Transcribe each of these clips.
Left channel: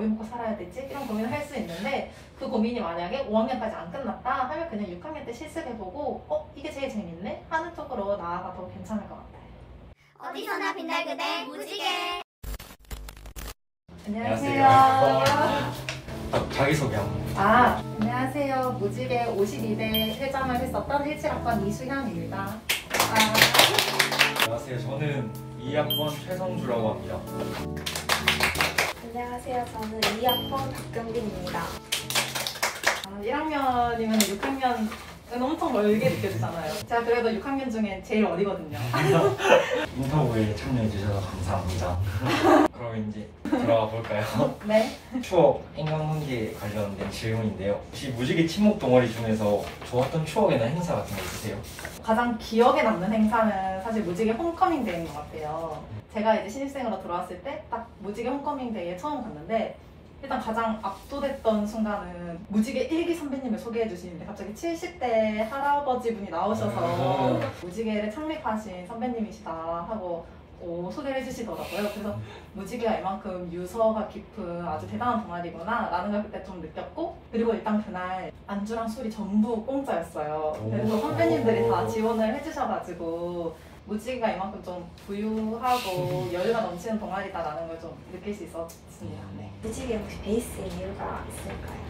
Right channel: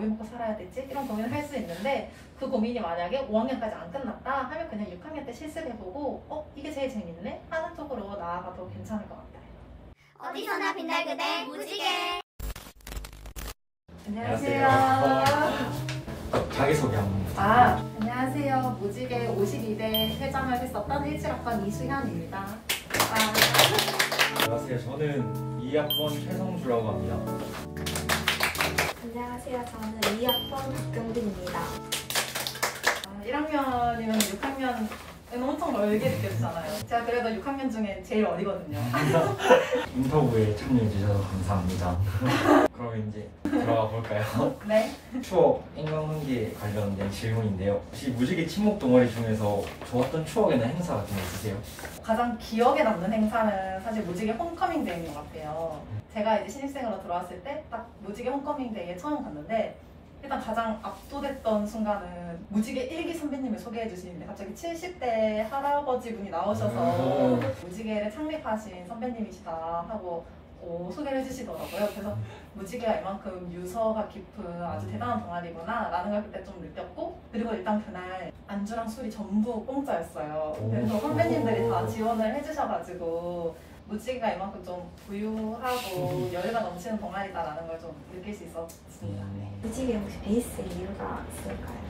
뭐 해먹고 살아야 되지? 이런 고민을 할 수 있는데 그 고민이 만약에 5학년까지 안 끝났다 하면 그냥 6학년 때 실습해보고 이게 제일 재밌네? 하는 쪽으로 나아가도 괜찮을 것 같아요. 어디서나 빛날 그대 무지개. 안녕하세요. 자기소개 한번. 안녕하세요. 무지개 52대 회장을 했었던 17학번 이수현입니다. 안녕하세요. 저는 2학번 최성주라고 합니다. 안녕하세요. 저는 2학번 박경빈입니다. 1학년이면 6학년은 엄청 멀게 느껴지잖아요. 제가 그래도 6학년 중에 제일 어리거든요. 인터뷰에 참여해주셔서 감사합니다. 그럼 이제 들어가 볼까요? 네. 추억, 인간관계 관련된 질문인데요. 혹시 무지개 친목 동아리 중에서 좋았던 추억이나 행사 같은 거 있으세요? 가장 기억에 남는 행사는 사실 무지개 홈커밍 데이인 것 같아요. 제가 이제 신입생으로 들어왔을 때 딱 무지개 홈커밍 데이에 처음 갔는데 일단 가장 압도됐던 순간은 무지개 1기 선배님을 소개해 주시는데 갑자기 70대 할아버지 분이 나오셔서 무지개를 창립하신 선배님이시다 하고 소개를 해주시더라고요. 그래서 무지개가 이만큼 유서가 깊은 아주 대단한 동아리구나 라는 걸 그때 좀 느꼈고, 그리고 일단 그날 안주랑 술이 전부 공짜였어요. 그래서 선배님들이 다 지원을 해주셔가지고 무지개가 이만큼 좀 부유하고 여유가 넘치는 동아리다라는 걸 좀 느낄 수 있었습니다. 네. 무지개 혹시 베이스인 이유가 있을까요?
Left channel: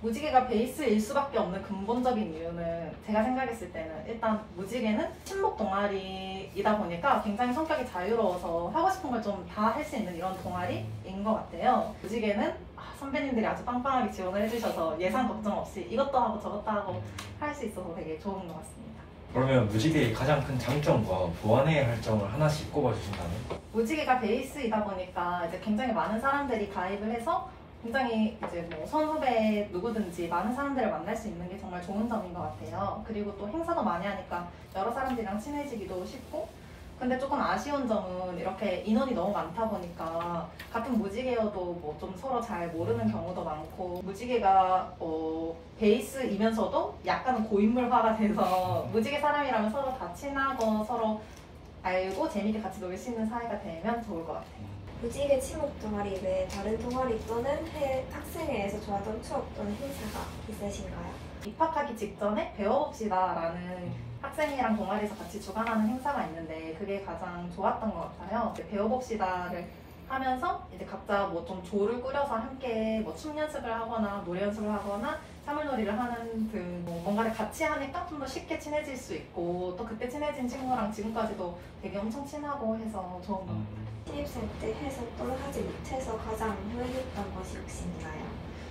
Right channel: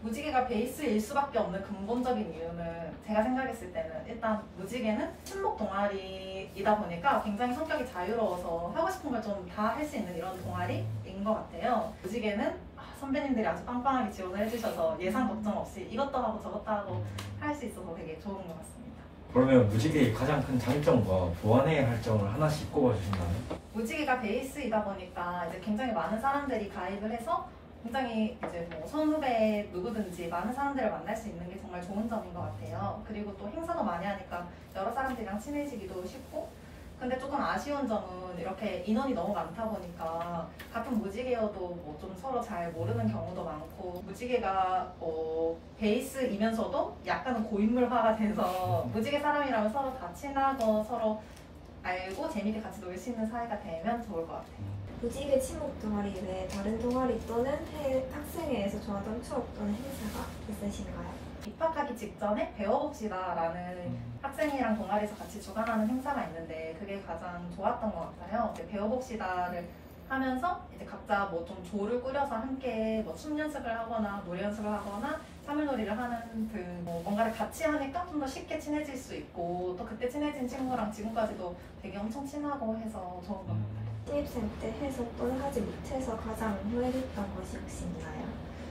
무지개가 베이스일 수밖에 없는 근본적인 이유는 제가 생각했을 때는 일단 무지개는 친목 동아리이다 보니까 굉장히 성격이 자유로워서 하고 싶은 걸 좀 다 할 수 있는 이런 동아리인 것 같아요. 무지개는 선배님들이 아주 빵빵하게 지원을 해주셔서 예산 걱정 없이 이것도 하고 저것도 하고 할 수 있어서 되게 좋은 것 같습니다. 그러면 무지개의 가장 큰 장점과 보완해야 할 점을 하나씩 꼽아주신다면? 무지개가 베이스이다 보니까 이제 굉장히 많은 사람들이 가입을 해서 굉장히 이제 뭐 선후배 누구든지 많은 사람들을 만날 수 있는 게 정말 좋은 점인 것 같아요. 그리고 또 행사도 많이 하니까 여러 사람들이랑 친해지기도 쉽고, 근데 조금 아쉬운 점은 이렇게 인원이 너무 많다 보니까 같은 무지개여도 뭐 좀 서로 잘 모르는 경우도 많고, 무지개가 베이스이면서도 약간은 고인물화가 돼서 무지개 사람이라면 서로 다 친하고 서로 알고 재밌게 같이 놀 수 있는 사이가 되면 좋을 것 같아요. 무지개 친목 동아리 외에 다른 동아리 또는 해외 학생회에서 좋아하던 추억 또는 행사가 있으신가요? 입학하기 직전에 배워봅시다라는 학생이랑 동아리에서 같이 주관하는 행사가 있는데 그게 가장 좋았던 것 같아요. 이제 배워봅시다를 하면서 이제 각자 뭐 좀 조를 꾸려서 함께 뭐 춤 연습을 하거나 노래 연습을 하거나 사물놀이를 하는 등 뭔가를 같이 하니까 좀 더 쉽게 친해질 수 있고, 또 그때 친해진 친구랑 지금까지도 되게 엄청 친하고 해서 좋은 것 같아요. 신입생 때 해서 또는 하지 못해서 가장 후회했던 것이 혹시 있나요?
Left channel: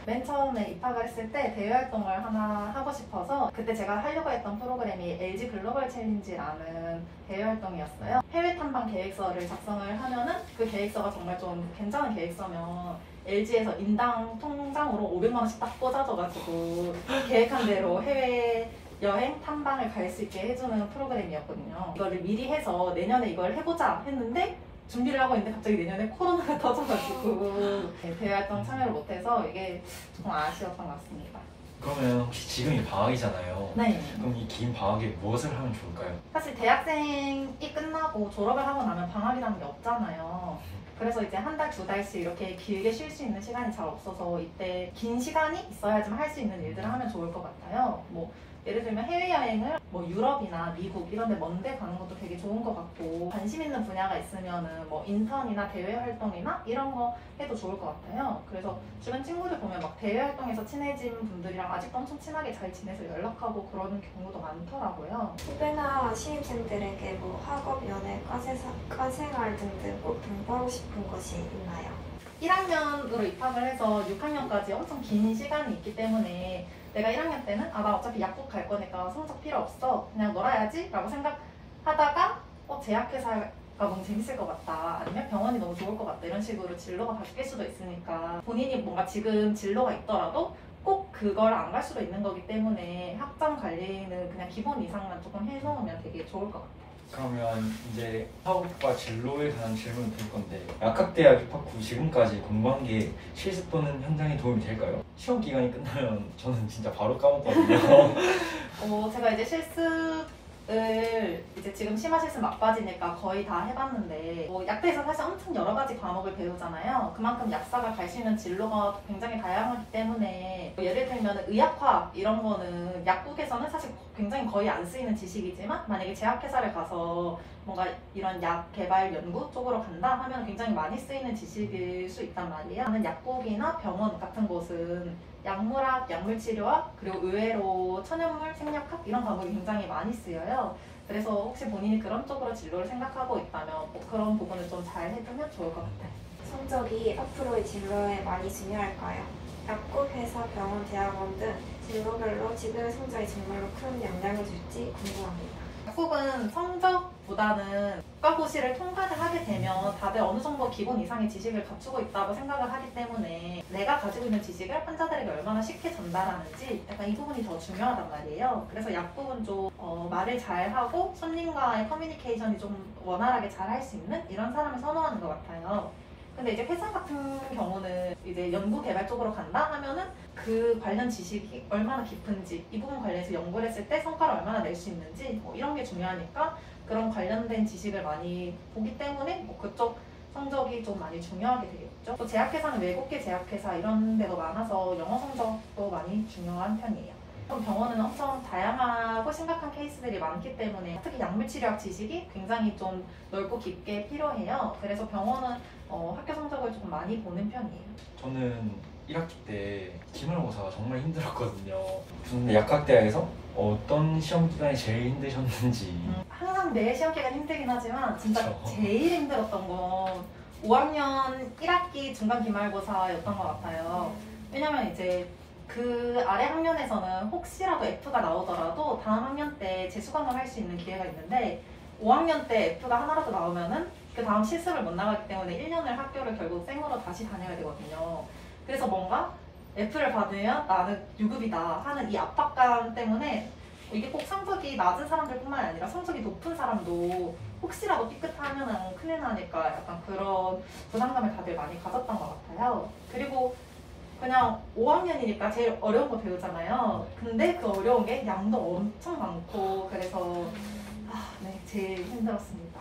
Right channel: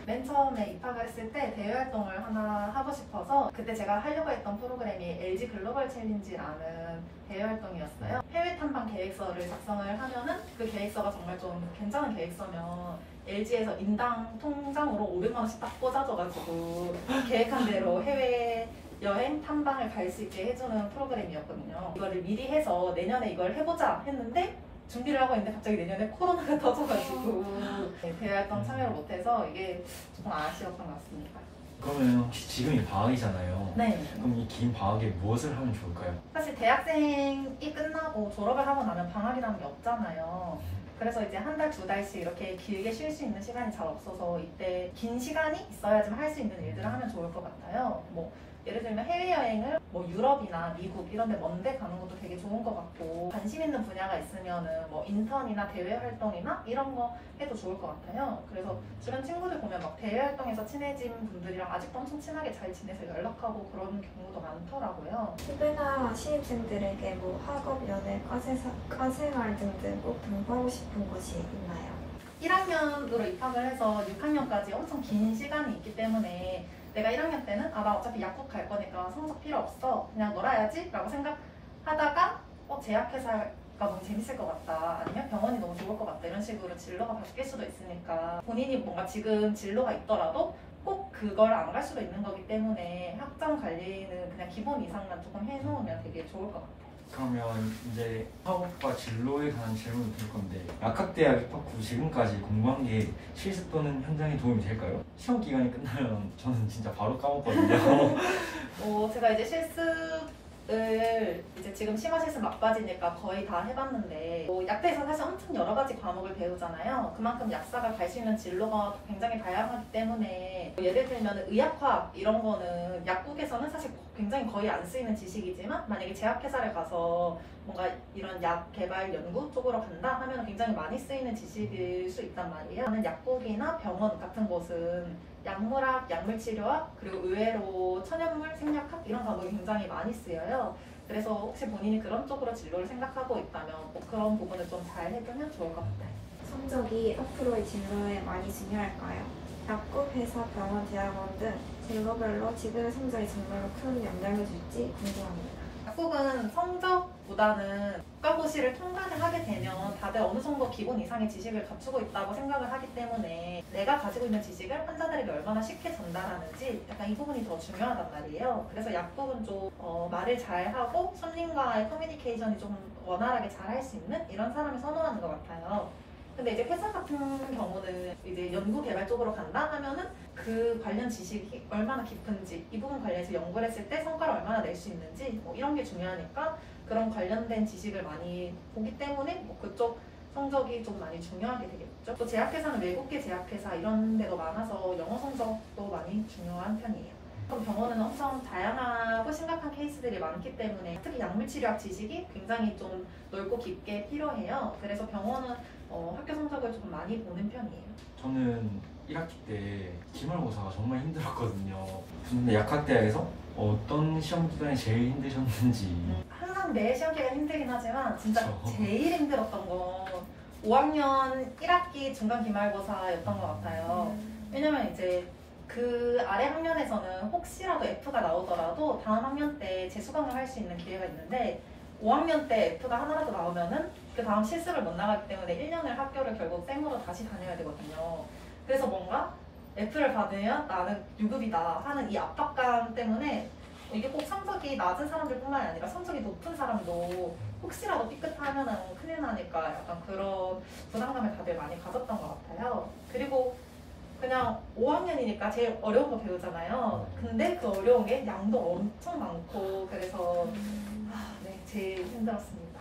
맨 처음에 입학을 했을 때 대외 활동을 하나 하고 싶어서 그때 제가 하려고 했던 프로그램이 LG 글로벌 챌린지라는 대외 활동이었어요. 해외 탐방 계획서를 작성을 하면은 그 계획서가 정말 좀 괜찮은 계획서면 LG에서 인당 통장으로 500만 원씩 딱 꽂아줘가지고 계획한 대로 해외 여행 탐방을 갈 수 있게 해주는 프로그램이었거든요. 이거를 미리 해서 내년에 이걸 해보자 했는데 준비를 하고 있는데 갑자기 내년에 코로나가 터져가지고 대외활동 참여를 못해서 이게 조금 아쉬웠던 것 같습니다. 그러면 혹시 지금이 방학이잖아요. 네. 그럼 이 긴 방학에 무엇을 하면 좋을까요? 사실 대학생이 끝나고 졸업을 하고 나면 방학이라는 게 없잖아요. 그래서 이제 한 달, 두 달씩 이렇게 길게 쉴 수 있는 시간이 잘 없어서 이때 긴 시간이 있어야지만 할 수 있는 일들을 하면 좋을 것 같아요. 뭐 예를 들면 해외여행을 뭐 유럽이나 미국 이런 데 먼데 가는 것도 되게 좋은 것 같고, 관심 있는 분야가 있으면은 뭐 인턴이나 대외 활동이나 이런 거 해도 좋을 것 같아요. 그래서 주변 친구들 보면 막 대외 활동에서 친해진 분들이랑 아직도 엄청 친하게 잘 지내서 연락하고 그러는 경우도 많더라고요. 후배나 신입생들에게 뭐 학업, 연애, 과생활 등등 꼭 공부하고 싶은 것이 있나요? 1학년으로 입학을 해서 6학년까지 엄청 긴 시간이 있기 때문에 내가 1학년 때는 나 어차피 약국 갈 거니까 성적 필요 없어, 그냥 놀아야지 라고 생각하다가 제약회사가 너무 재밌을 것 같다, 아니면 병원이 너무 좋을 것 같다, 이런 식으로 진로가 바뀔 수도 있으니까 본인이 뭔가 지금 진로가 있더라도 꼭 그걸 안 갈 수도 있는 거기 때문에 학점 관리는 그냥 기본 이상만 조금 해놓으면 되게 좋을 것 같아요. 그러면 이제 학업과 진로에 관한 질문을 드릴 건데, 약학대학 입학 후 지금까지 공부한 게 실습 또는 현장에 도움이 될까요? 시험 기간이 끝나면 저는 진짜 바로 까먹거든요. 제가 이제 실습 이제 지금 심화실습 막바지니까 거의 다 해봤는데 뭐 약대에서 사실 엄청 여러 가지 과목을 배우잖아요. 그만큼 약사가 갈 수 있는 진로가 굉장히 다양하기 때문에 뭐 예를 들면 의학화 이런 거는 약국에서는 사실 굉장히 거의 안 쓰이는 지식이지만 만약에 제약회사를 가서 뭔가 이런 약 개발 연구 쪽으로 간다 하면 굉장히 많이 쓰이는 지식일 수 있단 말이에요. 저는 약국이나 병원 같은 곳은 약물학, 약물치료학, 그리고 의외로 천연물, 생략학 이런 과목이 굉장히 많이 쓰여요. 그래서 혹시 본인이 그런 쪽으로 진로를 생각하고 있다면 뭐 그런 부분을 좀 잘 해두면 좋을 것 같아요. 성적이 앞으로의 진로에 많이 중요할까요? 약국, 회사, 병원, 대학원 등 진로별로 지금의 성적이 정말로 큰 영향을 줄지 궁금합니다. 약국은 성적보다는 국가고시를 통과를 하게 되면 다들 어느 정도 기본 이상의 지식을 갖추고 있다고 생각을 하기 때문에 내가 가지고 있는 지식을 환자들에게 얼마나 쉽게 전달하는지 약간 이 부분이 더 중요하단 말이에요. 그래서 약국은 좀 말을 잘하고 손님과의 커뮤니케이션이 좀 원활하게 잘 할 수 있는 이런 사람을 선호하는 것 같아요. 근데 이제 회사 같은 경우는 이제 연구 개발 쪽으로 간다 하면은 그 관련 지식이 얼마나 깊은지 이 부분 관련해서 연구를 했을 때 성과를 얼마나 낼 수 있는지 뭐 이런 게 중요하니까 그런 관련된 지식을 많이 보기 때문에 뭐 그쪽 성적이 좀 많이 중요하게 되겠죠. 또 제약회사는 외국계 제약회사 이런 데도 많아서 영어 성적도 많이 중요한 편이에요. 병원은 엄청 다양하고 심각한 케이스들이 많기 때문에 특히 약물치료학 지식이 굉장히 좀 넓고 깊게 필요해요. 그래서 병원은 학교 성적을 좀 많이 보는 편이에요. 저는 1학기 때 기말고사가 정말 힘들었거든요. 근데 약학대학에서 어떤 시험 기간이 제일 힘드셨는지. 항상 매 시험 기간 힘들긴 하지만 진짜 그쵸. 제일 힘들었던 건 5학년 1학기 중간 기말고사였던 것 같아요. 왜냐면 이제 그 아래 학년에서는 혹시라도 F가 나오더라도 다음 학년 때 재수강을 할 수 있는 기회가 있는데 5학년 때 F가 하나라도 나오면은 그 다음 실습을 못 나가기 때문에 1년을 학교를 결국 생으로 다시 다녀야 되거든요. 그래서 뭔가 F를 받으면 나는 유급이다 하는 이 압박감 때문에 이게 꼭 성적이 낮은 사람들뿐만 아니라 성적이 높은 사람도 혹시라도 삐끗하면은 큰일 나니까 약간 그런 부담감을 다들 많이 가졌던 것 같아요. 그리고 그냥 5학년이니까 제일 어려운 거 배우잖아요. 근데 그 어려운 게 양도 엄청 많고 그래서 네, 제일 힘들었습니다.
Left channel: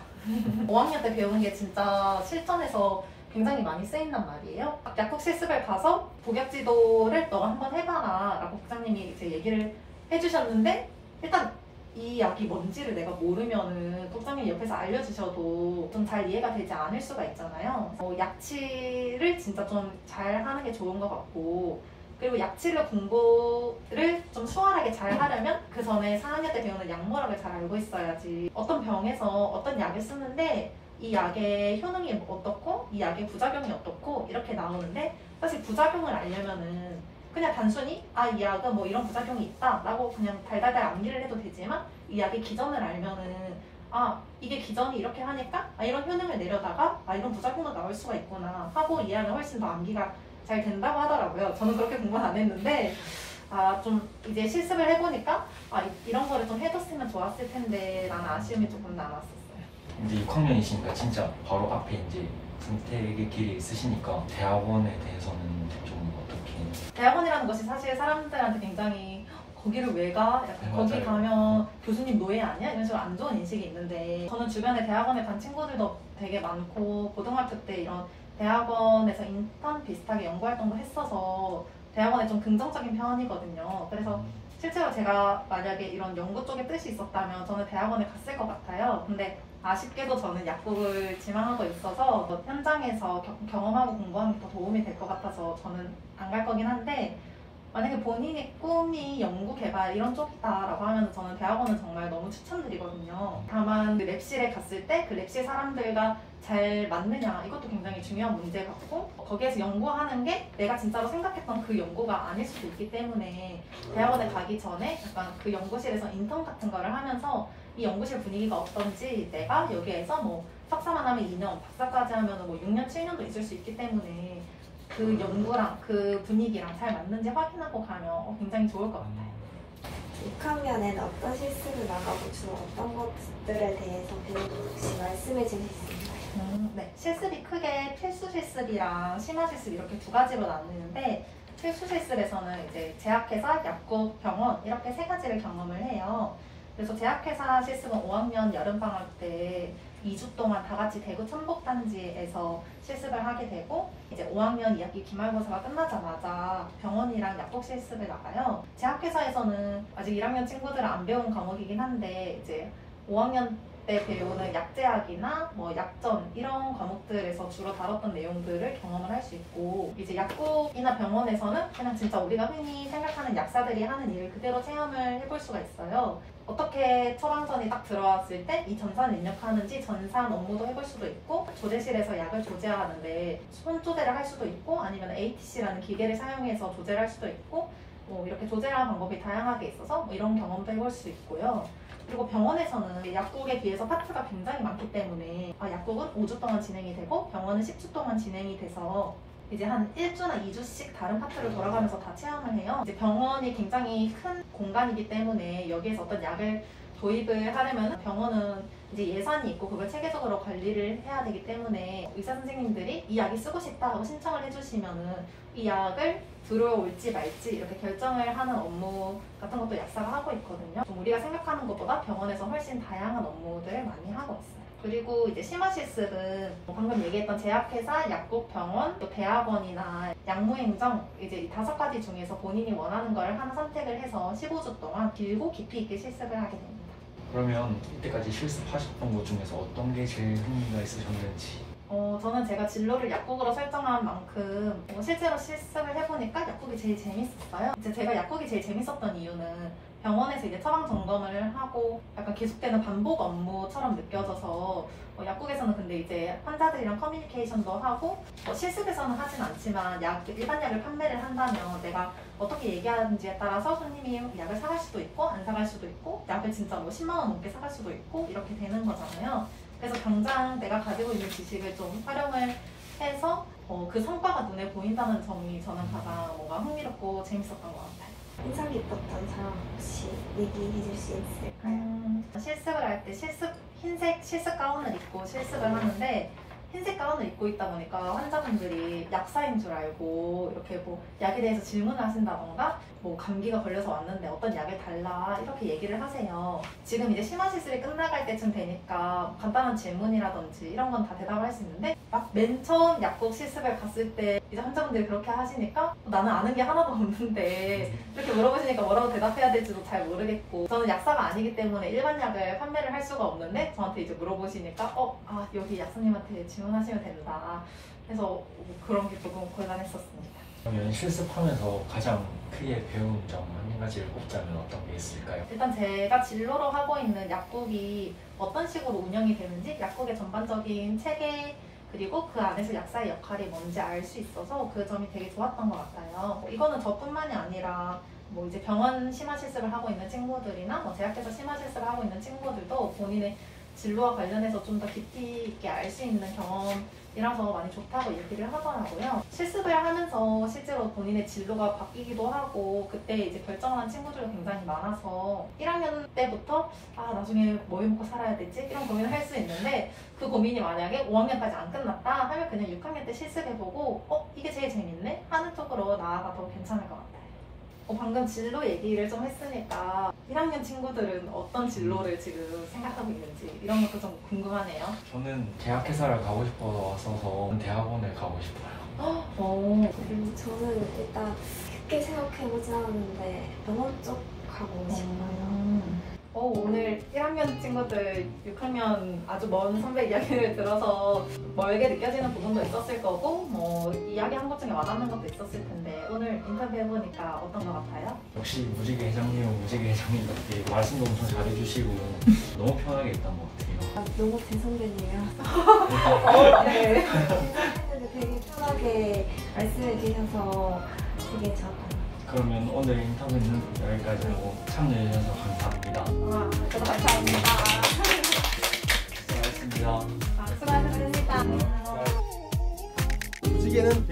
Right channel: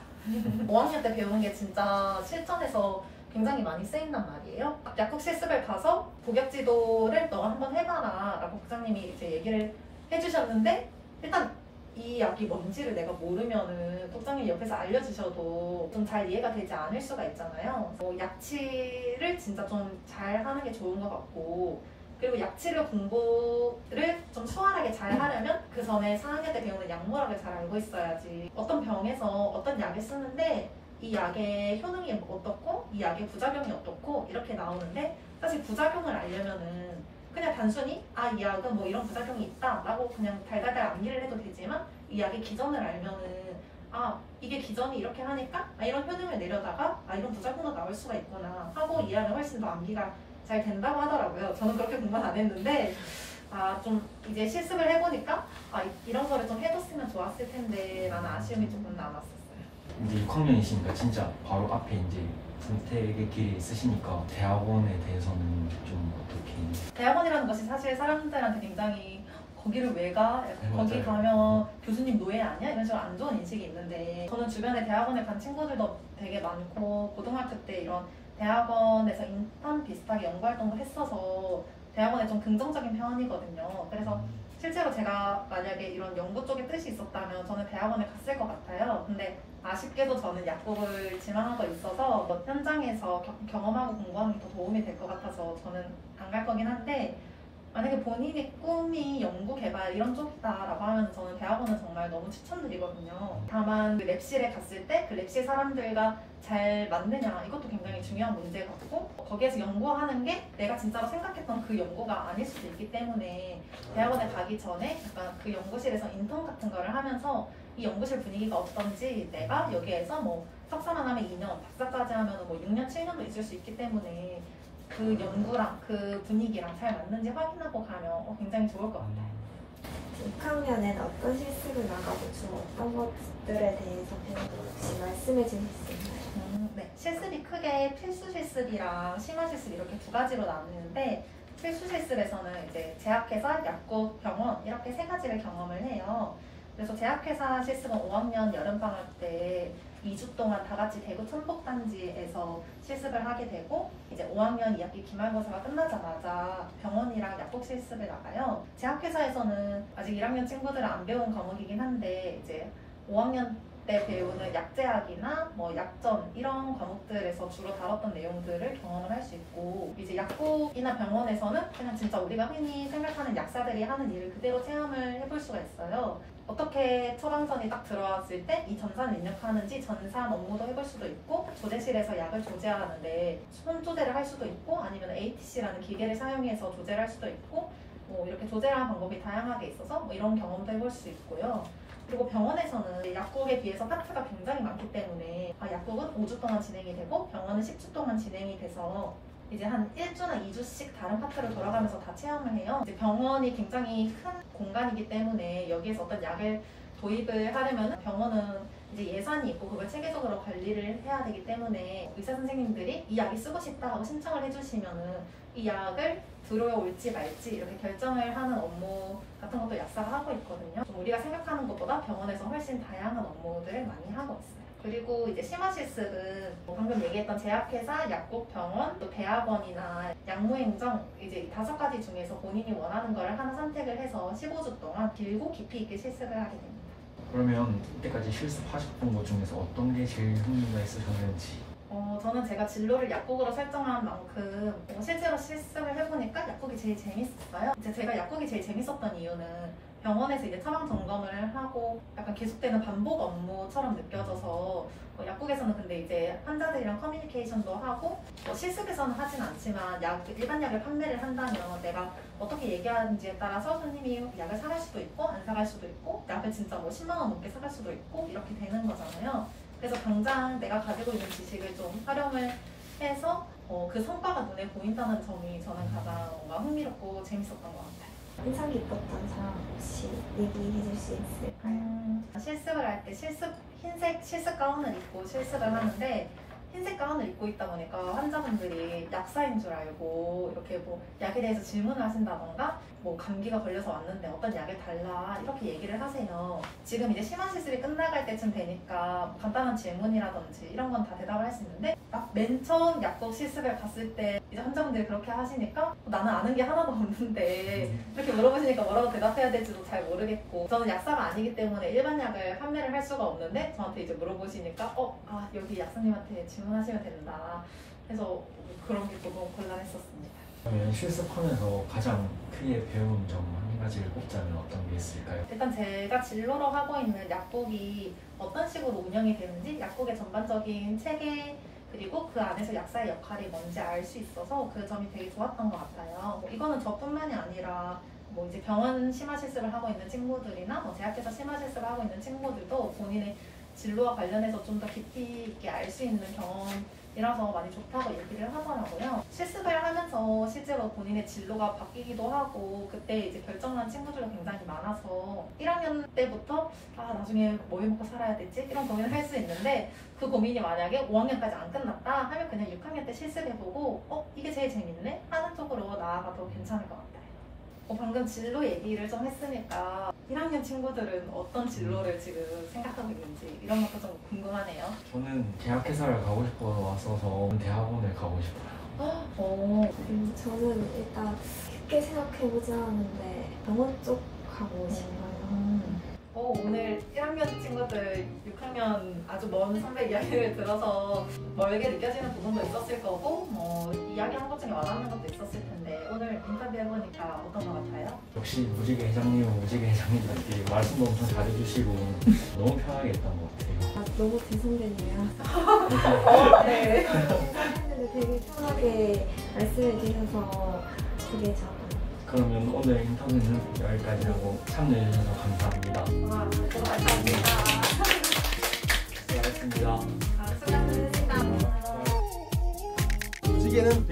5학년 때 배우는 게 진짜 실전에서 굉장히 많이 쓰인단 말이에요. 약국 실습을 가서 복약지도를 너 한번 해봐라 라고 국장님이 이제 얘기를 해주셨는데 일단 이 약이 뭔지를 내가 모르면은 국장님이 옆에서 알려주셔도 좀 잘 이해가 되지 않을 수가 있잖아요. 약치를 진짜 좀 잘 하는 게 좋은 것 같고 그리고 약치를 공부를 좀 수월하게 잘 하려면 그 전에 4학년 때 배우는 약물학을 잘 알고 있어야지. 어떤 병에서 어떤 약을 쓰는데 이 약의 효능이 어떻고 이 약의 부작용이 어떻고 이렇게 나오는데 사실 부작용을 알려면은 그냥 단순히 이 약은 뭐 이런 부작용이 있다 라고 그냥 달달달 암기를 해도 되지만 이 약의 기전을 알면은 이게 기전이 이렇게 하니까 이런 효능을 내려다가 이런 부작용도 나올 수가 있구나 하고 이해하면 훨씬 더 암기가 잘 된다고 하더라고요. 저는 그렇게 공부는 안 했는데 좀 이제 실습을 해보니까 이런 거를 좀 해뒀으면 좋았을 텐데 라는 아쉬움이 조금 남았었어요. 이제 6학년이시니까 진짜 바로 앞에 이제 선택의 길이 있으시니까 대학원에 대해서는 좀 어떻게? 대학원이라는 것이 사실 사람들한테 굉장히 거기를 왜 가? 약간 거기 맞아요. 가면 교수님 노예 아니야? 이런 식으로 안 좋은 인식이 있는데 저는 주변에 대학원에 간 친구들도 되게 많고 고등학교 때 이런 대학원에서 인턴 비슷하게 연구활동도 했어서 대학원에 좀 긍정적인 편이거든요. 그래서 실제로 제가 만약에 이런 연구 쪽에 뜻이 있었다면 저는 대학원에 갔을 것 같아요. 근데 아쉽게도 저는 약국을 지망하고 있어서 현장에서 경험하고 공부하는 게 더 도움이 될 것 같아서 저는 안 갈 거긴 한데 만약에 본인의 꿈이 연구 개발 이런 쪽이다라고 하면 저는 대학원은 정말 너무 추천드리거든요. 다만 그 랩실에 갔을 때 그 랩실 사람들과 잘 맞느냐 이것도 굉장히 중요한 문제 같고 거기에서 연구하는 게 내가 진짜로 생각했던 그 연구가 아닐 수도 있기 때문에 대학원에 가기 전에 약간 그 연구실에서 인턴 같은 거를 하면서 이 연구실 분위기가 어떤지 내가 여기에서 뭐 석사만 하면 2년, 박사까지 하면 뭐 6년, 7년도 있을 수 있기 때문에 그 연구랑 그 분위기랑 잘 맞는지 확인하고 가면 굉장히 좋을 것 같아요. 6학년에는 어떤 실습을 나가고 주로 어떤 것들에 대해서 배우고 혹시 말씀해 주실 수 있나요? 네. 실습이 크게 필수 실습이랑 심화 실습 이렇게 두 가지로 나누는데 필수 실습에서는 이제 제약회사, 약국, 병원 이렇게 세 가지를 경험을 해요. 그래서 제약회사 실습은 5학년 여름방학 때 2주 동안 다 같이 대구 천복단지에서 실습을 하게 되고 이제 5학년 2학기 기말고사가 끝나자마자 병원이랑 약국 실습을 나가요. 제약회사에서는 아직 1학년 친구들은 안 배운 과목이긴 한데 이제 5학년 때 배우는 약제약이나 뭐 약전 이런 과목들에서 주로 다뤘던 내용들을 경험을 할 수 있고 이제 약국이나 병원에서는 그냥 진짜 우리가 흔히 생각하는 약사들이 하는 일을 그대로 체험을 해볼 수가 있어요. 어떻게 처방전이 딱 들어왔을 때 이 전산을 입력하는지 전산 업무도 해볼 수도 있고 조제실에서 약을 조제하는데 손 조제를 할 수도 있고 아니면 ATC라는 기계를 사용해서 조제를 할 수도 있고 뭐 이렇게 조제하는 방법이 다양하게 있어서 뭐 이런 경험도 해볼 수 있고요. 그리고 병원에서는 약국에 비해서 파트가 굉장히 많기 때문에 약국은 5주 동안 진행이 되고 병원은 10주 동안 진행이 돼서 이제 한 1주나 2주씩 다른 파트를 돌아가면서 다 체험을 해요. 이제 병원이 굉장히 큰 공간이기 때문에 여기에서 어떤 약을 도입을 하려면 병원은 이제 예산이 있고 그걸 체계적으로 관리를 해야 되기 때문에 의사 선생님들이 이 약이 쓰고 싶다 하고 신청을 해주시면은 이 약을 들어올지 말지 이렇게 결정을 하는 업무 같은 것도 약사가 하고 있거든요. 좀 우리가 생각하는 것보다 병원에서 훨씬 다양한 업무들을 많이 하고 있어요. 그리고 이제 심화실습은 방금 얘기했던 제약회사, 약국, 병원, 또 대학원이나 약무행정 이제 이 5가지 중에서 본인이 원하는 거를 하나 선택을 해서 15주 동안 길고 깊이 있게 실습을 하게 됩니다. 그러면 이때까지 실습하셨던 것 중에서 어떤 게 제일 흥미가 있으셨는지? 저는 제가 진로를 약국으로 설정한 만큼 실제로 실습을 해보니까 약국이 제일 재밌었어요. 이제 제가 약국이 제일 재밌었던 이유는 병원에서 이제 처방 점검을 하고 약간 계속되는 반복 업무처럼 느껴져서 약국에서는 근데 이제 환자들이랑 커뮤니케이션도 하고 실습에서는 하진 않지만 일반 약을 판매를 한다면 내가 어떻게 얘기하는지에 따라서 손님이 약을 사갈 수도 있고 안 사갈 수도 있고 약을 진짜 뭐 10만 원 넘게 사갈 수도 있고 이렇게 되는 거잖아요. 그래서 당장 내가 가지고 있는 지식을 좀 활용을 해서 그 성과가 눈에 보인다는 점이 저는 가장 뭔가 흥미롭고 재밌었던 것 같아요. 인상 깊었던 사람 혹시 얘기해 줄 수 있을까요? 실습을 할 때 흰색 실습 가운을 입고 실습을 하는데 흰색 가운을 입고 있다 보니까 환자분들이 약사인 줄 알고 이렇게 뭐 약에 대해서 질문을 하신다던가 뭐 감기가 걸려서 왔는데 어떤 약을 달라 이렇게 얘기를 하세요. 지금 이제 심화실습이 끝나갈 때쯤 되니까 간단한 질문이라든지 이런 건 다 대답을 할 수 있는데 맨 처음 약국 실습을 갔을 때 이제 환자분들이 그렇게 하시니까 나는 아는 게 하나도 없는데 이렇게 물어보시니까 뭐라고 대답해야 될지도 잘 모르겠고 저는 약사가 아니기 때문에 일반 약을 판매를 할 수가 없는데 저한테 이제 물어보시니까 여기 약사님한테 질문하시면 된다. 그래서 그런 게 조금 곤란했었습니다. 그러면 실습하면서 가장 크게 배운 점 한 가지를 꼽자면 어떤 게 있을까요? 일단 제가 진로로 하고 있는 약국이 어떤 식으로 운영이 되는지 약국의 전반적인 체계 그리고 그 안에서 약사의 역할이 뭔지 알 수 있어서 그 점이 되게 좋았던 것 같아요. 이거는 저뿐만이 아니라 뭐 이제 병원 심화실습을 하고 있는 친구들이나 뭐 제약회사 심화실습을 하고 있는 친구들도 본인의 진로와 관련해서 좀 더 깊이 있게 알 수 있는 경험이라서 많이 좋다고 얘기를 하더라고요. 실습을 하면서 실제로 본인의 진로가 바뀌기도 하고 그때 이제 결정한 친구들도 굉장히 많아서 1학년 때부터 나중에 뭐 해먹고 살아야 되지? 이런 고민을 할 수 있는데 그 고민이 만약에 5학년까지 안 끝났다 하면 그냥 6학년 때 실습해보고 이게 제일 재밌네? 하는 쪽으로 나아가도 괜찮을 것 같아요. 방금 진로 얘기를 좀 했으니까 1학년 친구들은 어떤 진로를 지금 생각하고 있는지 이런 것도 좀 궁금하네요. 저는 제약회사를 가고 싶어서 대학원을 가고 싶어요. 저는 일단 깊게 생각해보지 않았는데 영어 쪽 가고 싶어요. 오늘 1학년 친구들 6학년 아주 먼 선배 이야기를 들어서 멀게 느껴지는 부분도 있었을 거고 뭐 이야기한 것 중에 와닿는 것도 있었을 텐데 오늘 인터뷰 해보니까 어떤 것 같아요? 역시 무지개 회장님은 무지개 회장님 같게 말씀도 엄청 잘해주시고 너무 편하게 했던 것 같아요. 너무 대선배님이라 네. 되게 편하게 말씀해 주셔서 되게 좋았어요. 그러면 오늘 인터뷰는 여기까지 하고 참여해주셔서 감사합니다. 감사합니다. 수고하셨습니다. 수고하셨습니다. 무지개는